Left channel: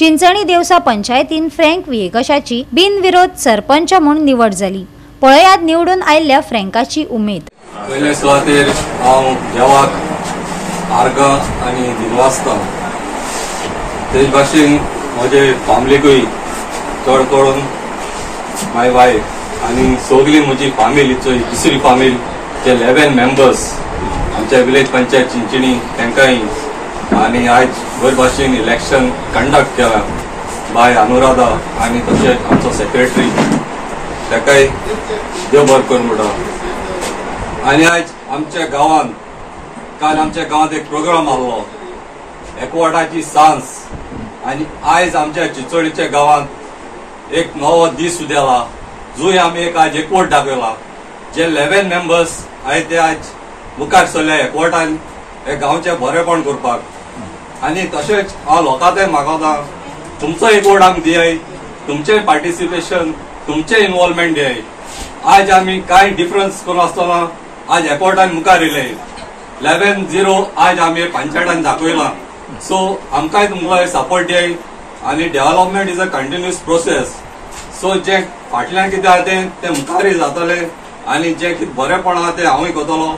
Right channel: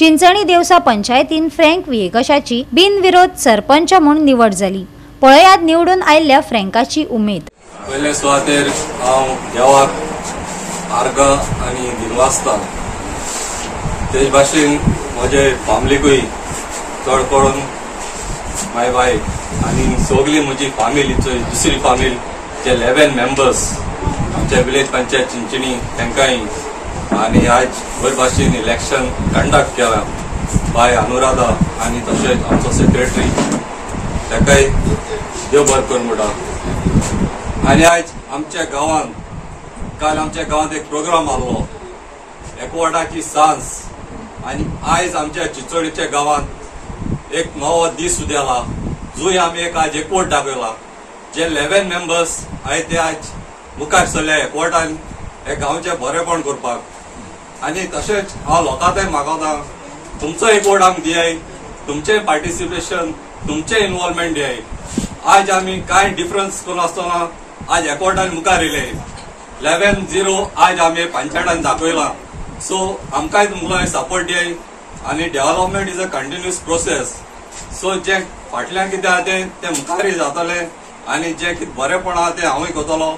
चिंचणी देवसा पंचायतीन फ्रँक विएकशाची बिनविरोध सरपंच म्हणून निवड झाली। पळयात निवडून आयल्ल्या फ्रँकाची उमेद। पयले सुवातेर हांव देवाक आर्गां आनी दिलो आसता। तेच भाशेन म्हजे फॅमिलीकूय चड करून माय वायफ आनी सगळी म्हजी फॅमिलीचो दुसरी फॅमिली जे 11 मेंबर्स आमच्या विलेज पंचायत चिंचणी तांकांय आनी आज बरे भाशेन इलेक्शन कंडक्ट केला बाय अनुराधा आनी तशेंच आमचो सेक्रेटरी ताकाय देव बरें करून म्हणटा। आनी आज आमच्या गांवांत काल आमच्या गांवांत एक प्रोग्राम आसलो एकवटाची सांस आनी आयज आमच्या चिंचोळीच्या गांवांत एक नवो दीस उदेला जो आमी आज एकवट दाखयला। जे 11 मेंबर्स आय ते आज मुखार सरले एकवटान हे गांवचे बरेपण करपाक। आनी तशेंच हांव लोकांकय मागता तुमचो एकवट आमकां दियाय, तुमचें पार्टिसिपेशन, तुमचें इन्वॉल्वमेंट दियाय। आज आमी कांय डिफरन्स करून आसतना आज एकवटान मुखार येयले 11-0 आज आमी पंचायतान दाखयलां। सो आमकांय तुमकां सपोर्ट दियाय आनी development is a continuous process. So जे फाटल्यान कितें आहा ते मुखारय जातले आनी जे कितें बरेपण आहा ते हांवूय करतलो।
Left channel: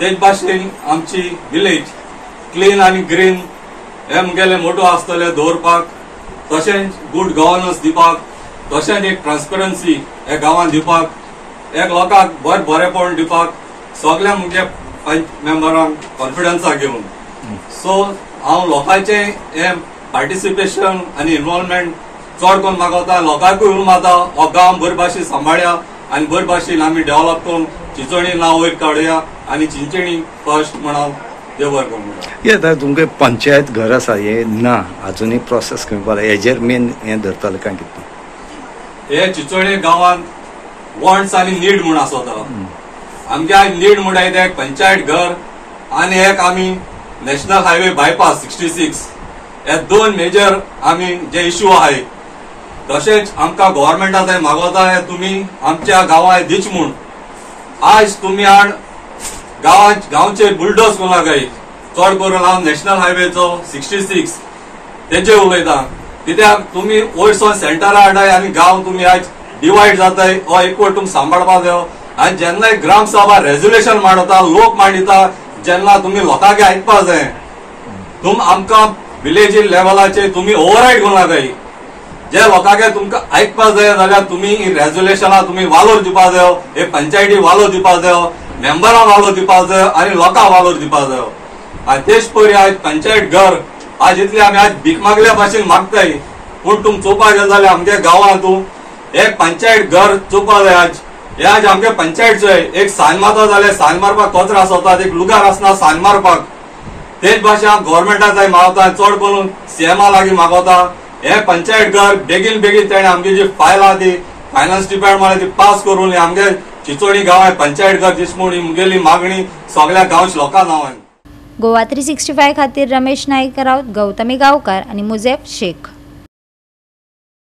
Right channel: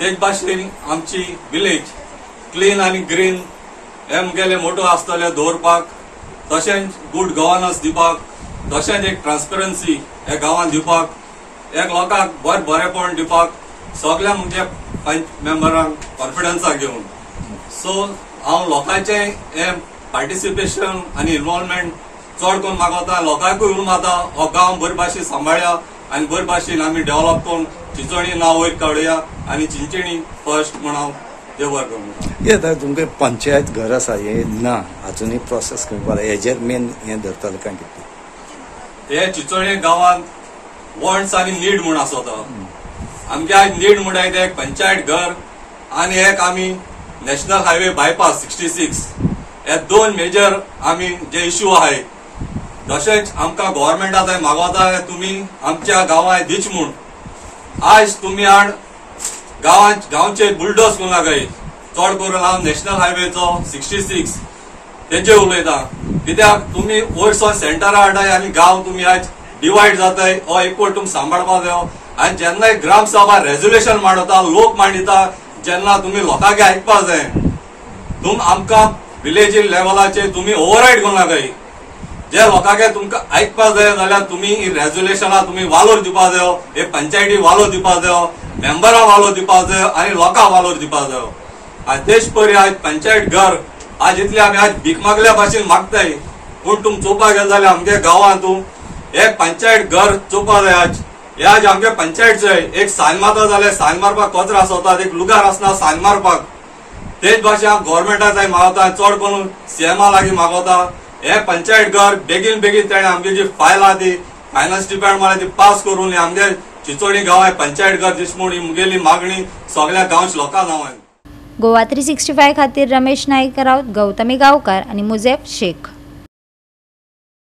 तेच भाशेन आमची विलेज क्लीन आनी ग्रीन हे मुगेले मोटो आसतले दवरपाक, तशेंच गुड गव्हर्नन्स दिवपाक, तशेंच एक ट्रान्सपरन्सी हे गांवांत दिवपाक, एक लोकांक बरेपण दिवपाक सगळ्या मुगे मेंबरांक कॉन्फिडन्साक घेवन। सो हांव लोकांचे हे पार्टिसिपेशन आनी इन्वॉल्वमेंट चड करून मागता। लोकांकूय उलोवंक मागता हो गांव बरे भाशेन सांबाळया आनी बरे भाशेन आमी डेव्हलप करून चिंचोणी नांव वयर काडुया आनी चिंचणी फर्स्ट म्हणून देव बरें करून म्हणटा। तुमगे पंचायत घर आसा हे ना अजुनूय प्रोसेस करपाक हेजेर मेन हे धरतले काय कितें? हे चिंचोळी गांवांत वॉन्ट्स आनी नीड म्हूण आसता। आमगे आज नीड म्हणटा एक पंचायत घर आनी एक आमी नॅशनल हायवे बायपास 66 हे दोन मेजर आमी जे इश्यू आहाय। तशेंच आमकां गव्हर्मेंटाचो मागोता तुमी आमच्या गांवांत दिच म्हूण। आज तुमी आड गांवचे बुलडोज करूं नाकाय। चड करून हांव नॅशनल हायवेचो 66 तेचेर उलयतां कित्याक तुमी वयरसावन सेंटरा हाडाय आनी गांव तुमी आज डिवायड जाताय हो एकवट तुमकां सांबाळपाक जायो। आनी जेन्ना ग्रामसभा रेजोल्युशन मांडता लोक मांडिता जेन्ना तुमी लोकांगे आयकपाक जाय। आमकां विलेज लेवलाचेर तुमी ओवररायड करूं नाकाय। जे लोकांगे तुमकां आयकपाक जाय जाल्यार तुमी ही रेजोल्युशनां तुमी वालोर दिवपाक जायो, हे पंचायती वालोर दिवपाक जायो, मेंबरां वालोर दिवपाक जायो आनी लोकांक वालोर दिवपाक जायो। आनी तेच पयलीं आज पंचायत घर आज इतले आमी आज भीक मागल्या भाशेन मागताय पूण तुमी चोवपाक गेले जाल्यार आमगे गांवांत एक पंचायत घर चोवपाक जाय। आज आमगे पंचायत एक सायन मारता जाल्यार सायन मारपाक कचरो आसता, एक लुगार आसना सायन मारपाक। तेच भाशेन हांव गव्हर्मेंटाक मागता चड करून सीएमा लागीं मागता हे पंचायत घर बेगीन ताणें आमची जी फायल आहा ती फायनान्स डिपार्टमेंटान ती पास करून आमगे चिंचोळी गांव पंचायत घर दिस म्हूण मुगेली मागणी सगळ्या गांवच्या लोकांक नांवान। गोवा 365 खातीर रमेश नाईक राऊत, गौतमी गांवकार आनी मुजेब शेख।